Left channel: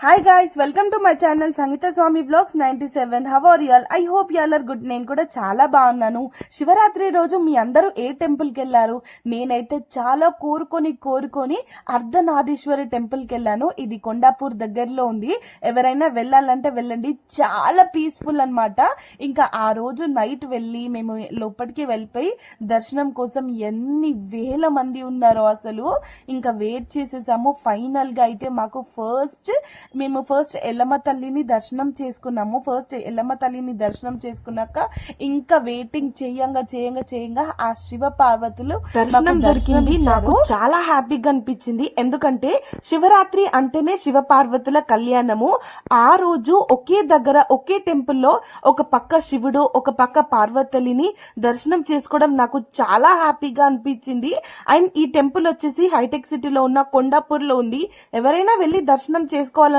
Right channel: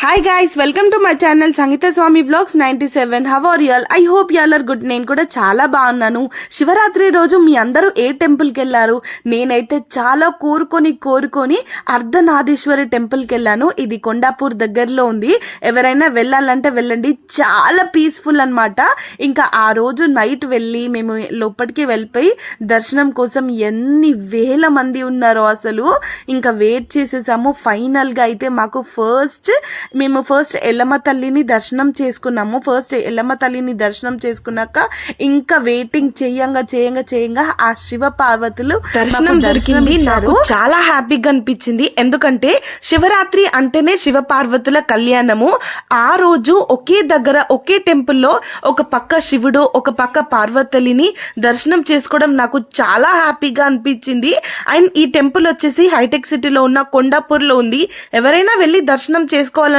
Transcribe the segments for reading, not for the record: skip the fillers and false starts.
Hi guys, welcome to my channel Sangeetha Swamy blogs 97. How are you all? I hope you all are good. నేను కూడా చాలా బాగున్నాను. శివరాత్రి రోజు మీ అందరూ ఏ టెంపుల్కి వెళ్ళారు? నేనైతే చాలా కోరుకొని అర్ధనారీశ్వరి టెంపుల్కి వెళ్ళాను. ఇది కొండాపూర్ దగ్గరలో ఉంది. ఎవరైనా వెళ్ళాలంటే వెళ్ళండి, చాలా పీస్ఫుల్ అన్నమాట. ఇంకా ఆ రోజు నైట్ వెళ్ళి మేము లోపలికి వెళ్ళిపోయి దర్శనం కోసం ఎన్ని వేల మంది ఉన్నారో అసలు ఇంకా వెయిట్ చేసేసాము. ఫైనల్గా అయితే మాకు మేము ఫస్ట్ ఎల్లమ్మ తల్లిని దర్శనం చేసుకున్నాము. ఎల్లమ్మ తల్లిని దర్శనం చేసుకున్నాక ఇంకా వెయిటింగ్ చేయంగా ఆ శివ పార్వతులు దర్శనం దొరికింది. నాకు చాలా హ్యాపీగా అనిపించింది. ఎందుకంటే శివరాత్రి అంటేనే శివ పార్వతుల కళ్యాణము. ఆ రోజు ఒకే దగ్గర ఒకే టెంపుల్లో ఒక పక్క శివుడు ఒక పక్క పార్వతులిని దర్శనం చేసుకోవడం నాకు చాలా హ్యాపీగా అనిపించింది. అండ్ ఈ టెంపుల్ వచ్చేసి హైటెక్ సిటీలో ఉన్న కొండాపూర్లో ఉంది. ఎవరైనా వెళ్ళి దర్శనం చేసుకోవాలంటే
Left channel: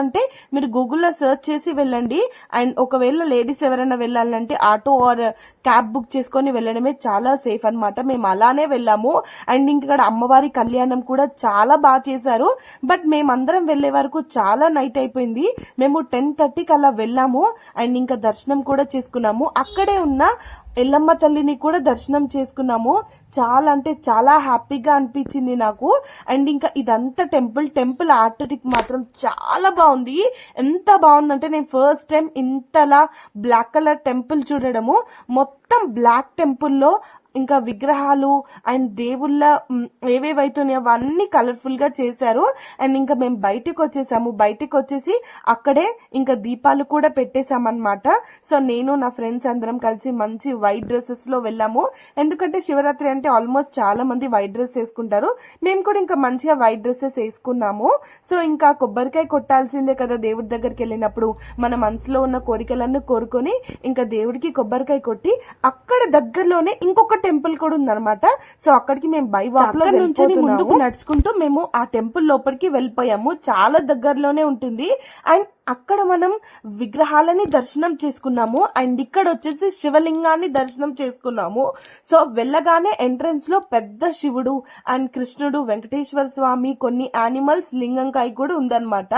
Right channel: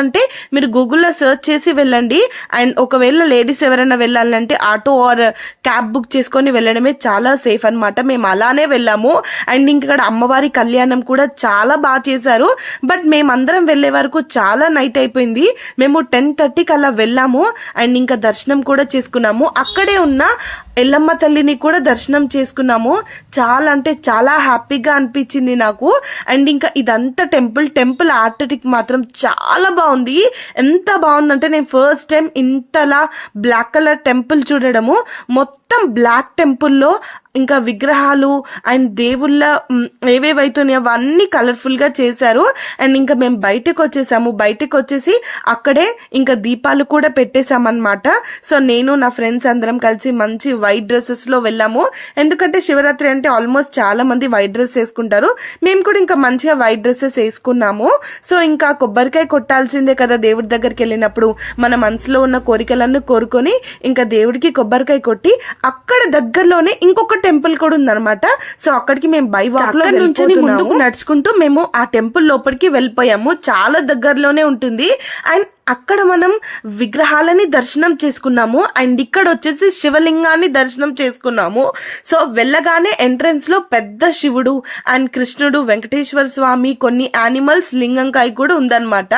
మీరు గూగుల్లో సెర్చ్ చేసి వెళ్ళండి. అండ్ ఒకవేళ లేడీస్ ఎవరైనా వెళ్ళాలంటే ఆటో ఆర్ క్యాబ్ బుక్ చేసుకొని వెళ్ళడమే చాలా సేఫ్ అనమాట. మేము అలానే వెళ్ళాము. అండ్ ఇక్కడ అమ్మవారి కళ్యాణం కూడా చాలా బాగా చేశారు. బట్ మేమందరం వెళ్ళే వరకు చాలా నైట్ అయిపోయింది. మేము 10:30కి అలా వెళ్ళాము. అండ్ ఇంకా దర్శనం కూడా చేసుకున్నాము. అక్కడే ఉన్న ఎల్లమ్మ తల్లిని కూడా దర్శనం చేసుకున్నాము. చాలా అంటే చాలా హ్యాపీగా అనిపించింది నాకు. అండ్ ఇంకా ఇదంతా టెంపుల్ ఆర్టిటిక్ మాత్రం చాలా బాగుంది. ఎంత బాగుందంటే నేను ఫస్ట్ టైం ఇంతలా బ్లాక్ కలర్ టెంపుల్ చూడడము. మొత్తం బ్లాక్ టెంపుల్లో ఇంకా విగ్రహాలు అండ్ దేవుళ్ళ ఏవేవైతున్నాయో అవన్నీ కలర్ఫుల్గా చేశారు. అండ్ ఇంకా మేము బయటకు వచ్చేసి అక్కడే ఇంకా దీపాలు కూడా పెట్టేశామన్నమాట. సో నేను నా ఫ్రెండ్స్ అందరం కలిసి మంచి వైట్ డ్రెస్సెస్లో వెళ్ళాము. ఎందుకంటే శివరాత్రి అంటే ఆల్మోస్ట్ చాలా మంది వైట్ డ్రెస్ వేసుకుంటారు. మేము కూడా ఇంకా మంచిగా వైట్ డ్రెస్సెస్ వేసుకున్నాము. సో ఇంకా కొబ్బరికాయ కొట్టాల్సిందే కదా దేవుడి దగ్గరికి వెళ్ళినప్పుడు. మన మనసులో ఉన్న కోరికలన్నీ కోరుకొని ఇంకా దేవుడికి కొబ్బరికాయ కొట్టి అక్కడ దగ్గరలోనే ఇంకొక టెంపుల్ కూడా ఉందన్నమాట. సో అక్కడికి మేము బై వాక్ లో నుంచి ముందుకు నడుచుకుంటూ మేము ఆ టెంపుల్ లోపలికి వెళ్ళిపోయాము. చాలా దగ్గరలోనే ఉంటుంది. అండ్ అక్కడ మనం విగ్రహాలని దర్శనం చేసుకున్నాము. అండ్ ఇక్కడ వచ్చేసి శివలింగాన్ని దర్శనం చేసుకున్నాము. సో వెళ్ళగానే ఎంట్రన్స్ లో పెద్ద శివుడు అండ్ కృష్ణుడు, వెంకటేశ్వర స్వామి, కొన్ని యానిమల్స్ లింగంకాయ కూడా ఉందన్నమాట.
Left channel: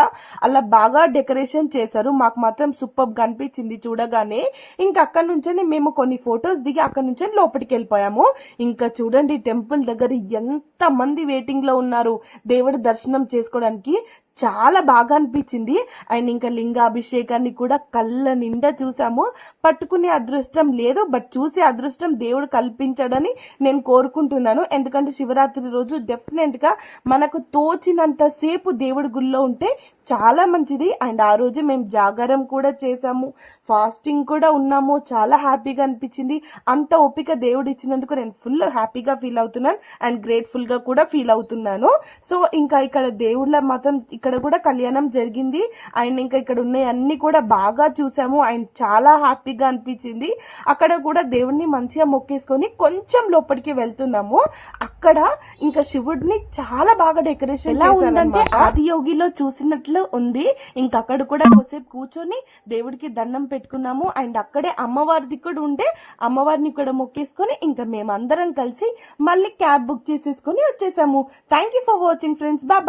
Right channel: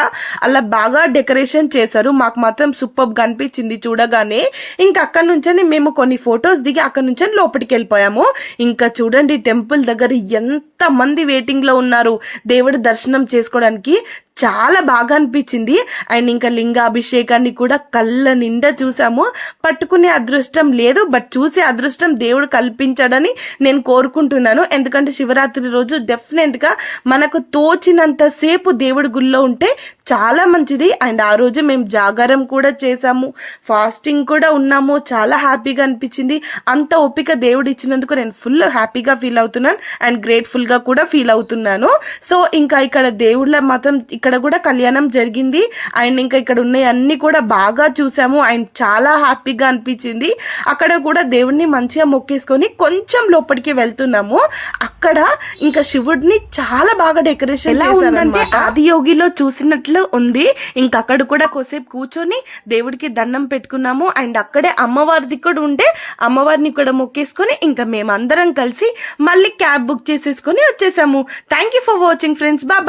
అలా బాగా డెకరేషన్ చేశారు. మాకు మాత్రం సూపర్ గా అనిపించింది చూడగానే. ఇంకా అక్కడ నుంచే మేము కొన్ని ఫొటోస్ దిగి అక్కడ నుంచి లోపలికి వెళ్ళిపోయాము. ఇంకా చూడండి టెంపుల్ దగ్గర ఎంత మంది వెయిటింగ్ లో ఉన్నారు దేవుడి దర్శనం చేసుకోవడానికి. చాలా బాగా అనిపించింది. అండ్ ఇంకా లింగాభిషేకాన్ని కూడా కళ్ళ నిండా చూసాము. పట్టుకునే అదృష్టం లేదు, బట్ చూసే అదృష్టం దేవుడు కల్పించాడని నేను కోరుకుంటున్నాను. ఎందుకంటే శివరాత్రి రోజు డెఫినెట్ గా మనకు తోచినంత సేపు దేవుడి గుళ్ళో ఉంటే చాలా మంచిది. అండ్ ఆ రోజు మేము జాగారం కూడా చేసాము, ఫాస్టింగ్ కూడా ఉన్నాము. చాలా హ్యాపీగా అనిపించింది. అంత ఓపిక దేవుడు ఇచ్చినందుకు నేను ఫుల్ హ్యాపీగా ఫీల్ అవుతున్నాను అండ్ గ్రేట్ఫుల్ గా కూడా ఫీల్ అవుతున్నాను. సో ఇంకా ఇక్కడ దేవుళ్ళ మాత్రం ఇక్కడ కూడా కళ్యాణం జరిగింది. అండ్ ఇంకా ఇక్కడ ఉన్నాయి అన్ని కూడా బాగా చూసాము. అండ్ చాలా హ్యాపీగా అనిపించింది. అక్కడ కూడా దేవుడిని మంచిగా మొక్కేసుకొని కొంచెం లోపలికి వెళ్తున్నాము. అక్కడ ఇంకా శివుడిని చాలా బాగా డెకరేషన్ చేశారంటే ఆదియోగిలో చూసినట్లు ఉంది. ఇంకా అక్కడ కూడా కొద్దిసేపు కూర్చొని దేవుడికి దండం పెట్టుకున్నాము. అండ్ అక్కడే అమ్మవారిది కూడా ఉంటే అమ్మవారిని కూడా మొక్కేసుకొని ఇంకా మేమందరం కలిసి మళ్ళీ క్యాబ్ బుక్ చేసేసుకొని వచ్చేసాము. Thank you for watching friends. Bye.